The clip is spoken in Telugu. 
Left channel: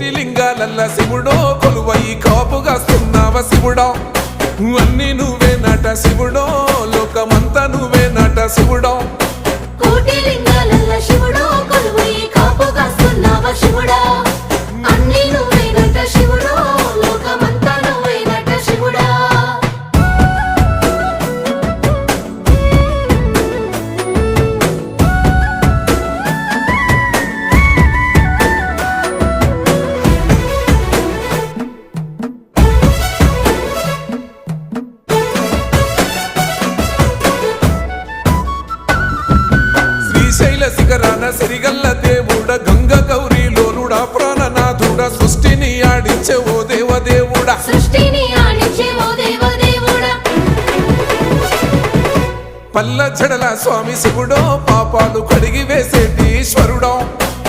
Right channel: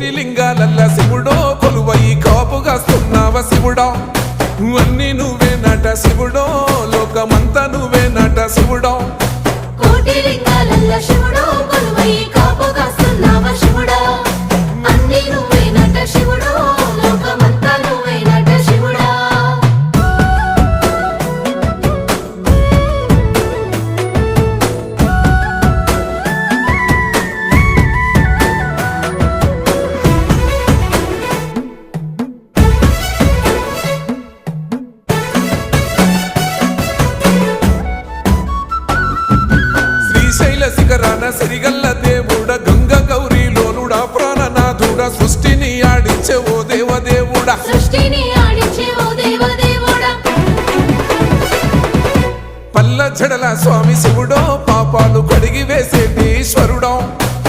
కోటి లింగాలల్ల శివుడో కొలువయి కాపుగాస్తున్నావ శివుడా అన్ని నువ్వే నట శివుడో లోకమంతా నువ్వే నట శివుడో కోటి లింగాలల్ల శివుడో కొలువయి కాపుగాస్తున్నావ శివుడా అన్ని నువ్వే నట శివుడో లోకమంతా నువ్వే నట శివుడా శ్రీశైల శిఖరాన సిరిగల్ల దేవుడ గంగ గౌరీ లోలుడా ప్రాణనాథుడా సృష్టిని ఆడించే ఓ దేవదేవుడా సృష్టిని ఆడించే ఓ దేవదేవుడా పల్ల జడల స్వామి శివుడో పాపాలు కడిగి వేసేటి ఈశ్వరుడో